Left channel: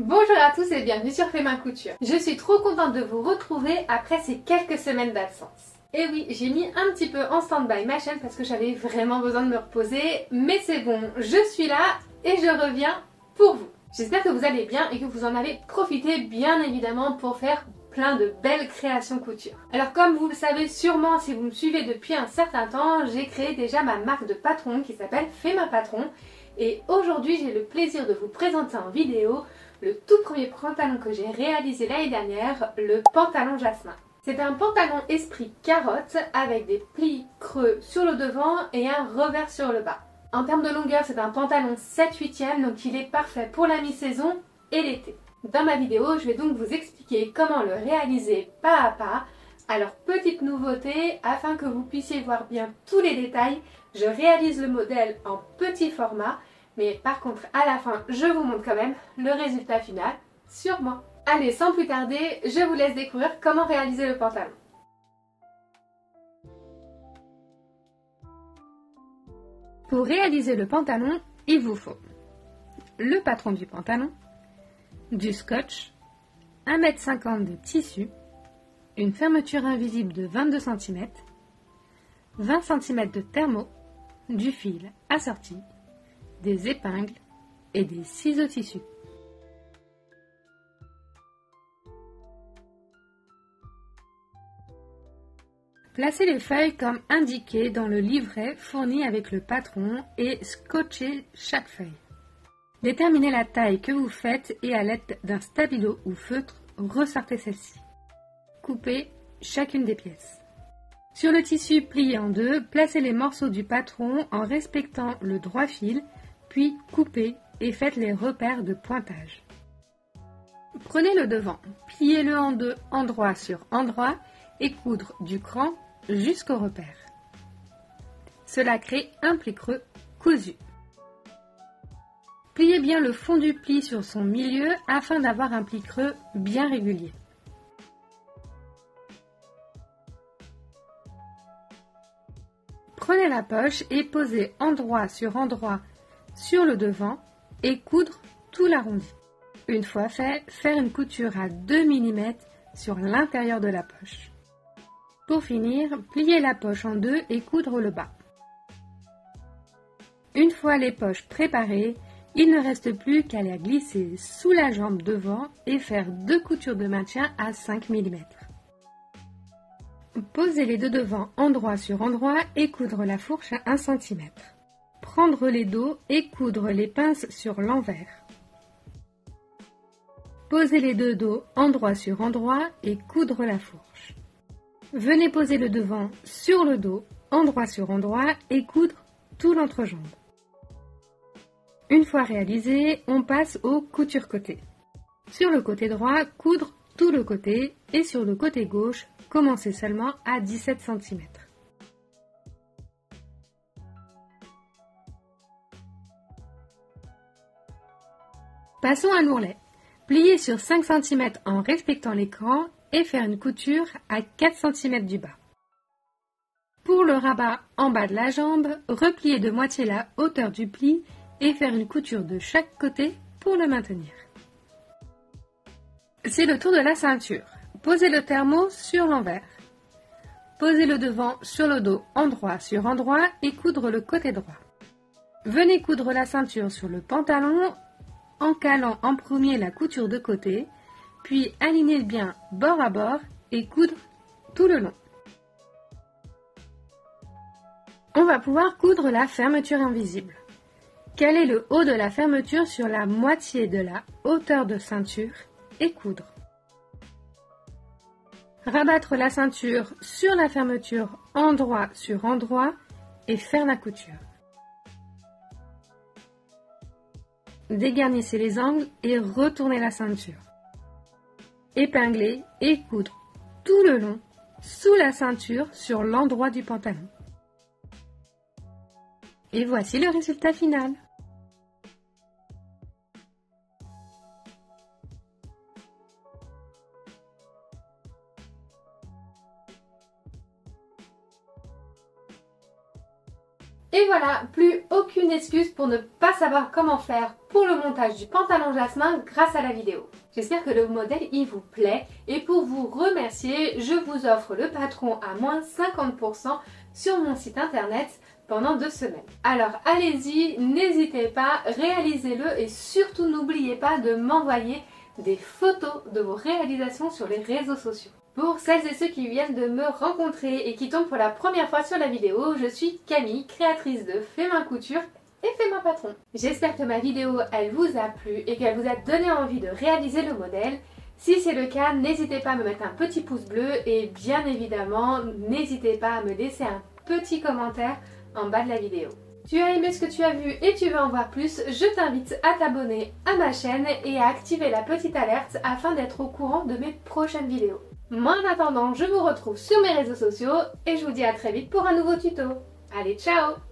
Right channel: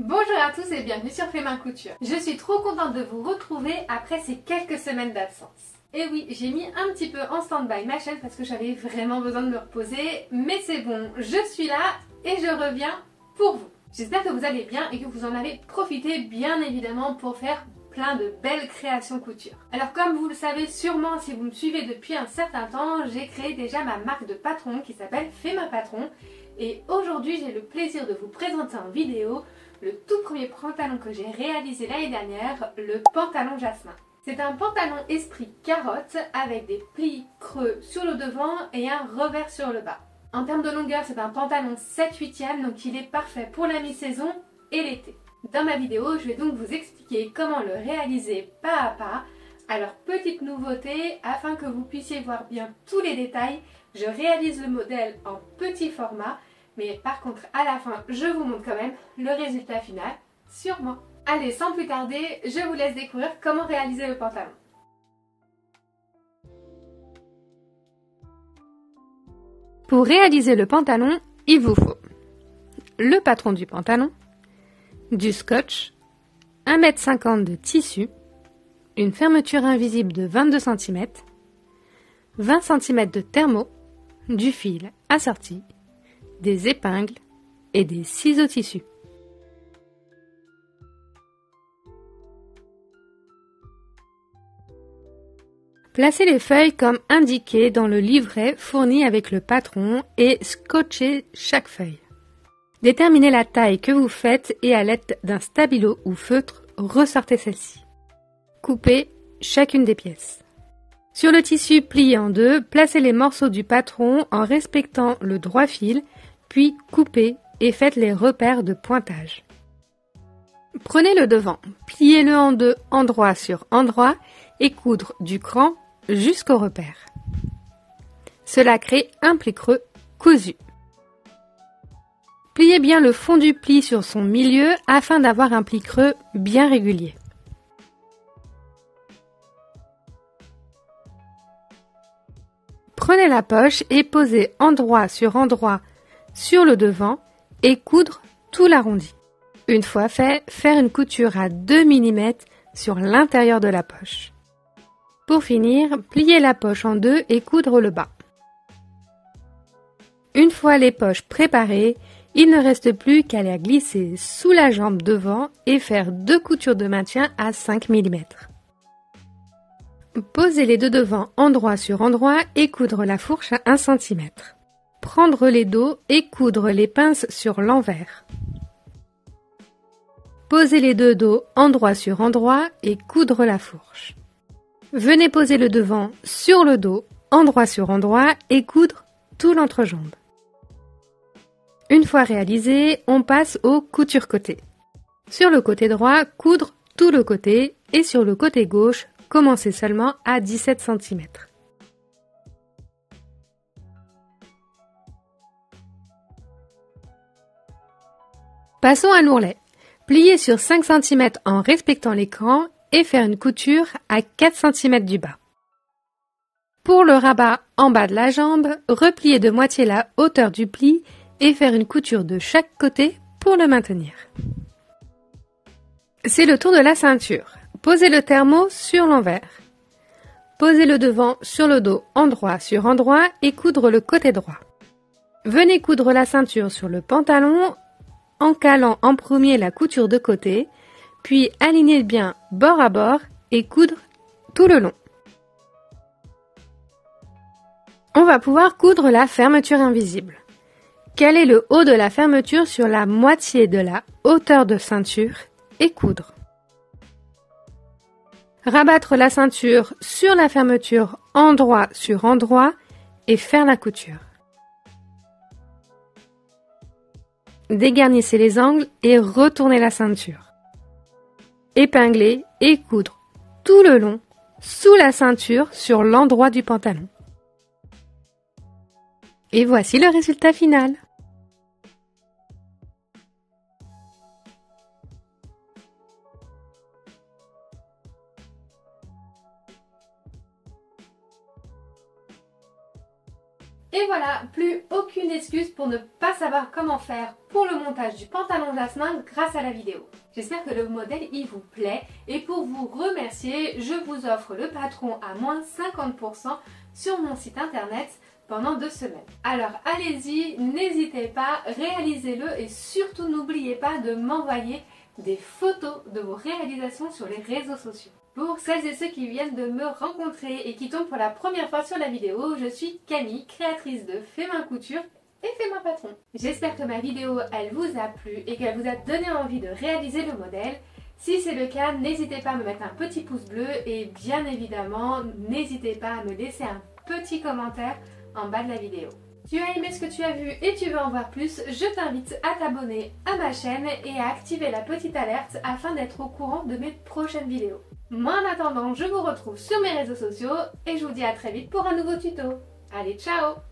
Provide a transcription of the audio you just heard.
Bonjour à tous et bienvenue sur Fais ma couture. Je suis trop contente de vous retrouver après ces quelques semaines d'absence. Et oui, j'ai mis un petit peu en stand-by ma chaîne parce que j'avais vraiment besoin de me reposer. Mais c'est bon, je suis là et je reviens pour vous. J'espère que vous allez bien et que vous en avez profité bien évidemment pour faire plein de belles créations couture. Alors comme vous le savez sûrement si vous me suivez depuis un certain temps, j'ai créé déjà ma marque de patron qui s'appelle Fais ma patron. Et aujourd'hui j'ai le plaisir de vous présenter en vidéo le tout premier pantalon que j'ai réalisé l'année dernière, le pantalon Jasmin. C'est un pantalon esprit carotte avec des plis creux sur le devant et un revers sur le bas. En termes de longueur, c'est un pantalon 7/8e, donc il est parfait pour la mi-saison et l'été. Dans ma vidéo, je vais donc vous expliquer comment le réaliser pas à pas. Alors petite nouveauté, afin que vous puissiez voir bien tous les détails, je réalise le modèle en petit format. Mais par contre, à la fin, je vous montre quand même le résultat final sur moi. Allez, sans plus tarder, je vous laisse découvrir comment réaliser le pantalon. Pour réaliser le pantalon, il vous faut le patron du pantalon, du scotch, 1,50 m de tissu, une fermeture invisible de 22 cm, 20 cm de thermo, du fil assorti, des épingles et des ciseaux tissus. Placez les feuilles comme indiqué dans le livret fourni avec le patron et scotchez chaque feuille. Déterminez la taille que vous faites et à l'aide d'un stabilo ou feutre, ressortez celle-ci. Coupez chacune des pièces. Sur le tissu plié en deux, placez les morceaux du patron en respectant le droit fil, puis coupez et faites les repères de pointage. Prenez le devant, pliez-le en deux endroit sur endroit et coudre du cran jusqu'au repère. Cela crée un pli creux cousu. Pliez bien le fond du pli sur son milieu afin d'avoir un pli creux bien régulier. Prenez la poche et posez endroit sur le devant et coudre tout l'arrondi. Une fois fait, faire une couture à 2 mm sur l'intérieur de la poche. Pour finir, pliez la poche en deux et coudre le bas. Une fois les poches préparées, il ne reste plus qu'à les glisser sous la jambe devant et faire 2 coutures de maintien à 5 mm. Posez les deux devant endroit sur endroit et coudre la fourche à 1 cm. Prendre les dos et coudre les pinces sur l'envers. Posez les deux dos endroit sur endroit et coudre la fourche. Venez poser le devant sur le dos, endroit sur endroit et coudre tout l'entrejambe. Une fois réalisé, on passe aux coutures côté. Sur le côté droit, coudre tout le côté et sur le côté gauche, commencez seulement à 17 cm. Passons à l'ourlet. Plier sur 5 cm en respectant l'écran et faire une couture à 4 cm du bas. Pour le rabat en bas de la jambe, replier de moitié la hauteur du pli et faire une couture de chaque côté pour le maintenir. C'est le tour de la ceinture. Posez le thermo sur l'envers. Posez le devant sur le dos endroit sur endroit et coudre le côté droit. Venez coudre la ceinture sur le pantalon en calant en premier la couture de côté, puis alignez bien bord à bord et coudre tout le long. On va pouvoir coudre la fermeture invisible. Calez le haut de la fermeture sur la moitié de la hauteur de ceinture et coudre. Rabattre la ceinture sur la fermeture endroit sur endroit et faire la couture. Dégarnissez les angles et retournez la ceinture. Épingler et coudre tout le long sous la ceinture sur l'endroit du pantalon. Et voici le résultat final. Et voilà, plus plus aucune excuse pour ne pas savoir comment faire pour le montage du pantalon jasmin grâce à la vidéo. J'espère que le modèle il vous plaît et pour vous remercier, je vous offre le patron à moins 50% sur mon site internet pendant 2 semaines. Alors allez-y, n'hésitez pas, réalisez-le et surtout n'oubliez pas de m'envoyer des photos de vos réalisations sur les réseaux sociaux. Pour celles et ceux qui viennent de me rencontrer et qui tombent pour la première fois sur la vidéo, je suis Camille, créatrice de Fais Main Couture et Fais Main Patron. J'espère que ma vidéo elle vous a plu et qu'elle vous a donné envie de réaliser le modèle. Si c'est le cas, n'hésitez pas à me mettre un petit pouce bleu et bien évidemment, n'hésitez pas à me laisser un petit commentaire en bas de la vidéo. Tu as aimé ce que tu as vu et tu veux en voir plus, je t'invite à t'abonner à ma chaîne et à activer la petite alerte afin d'être au courant de mes prochaines vidéos. Moi en attendant, je vous retrouve sur mes réseaux sociaux et je vous dis à très vite pour un nouveau tuto. Allez, ciao!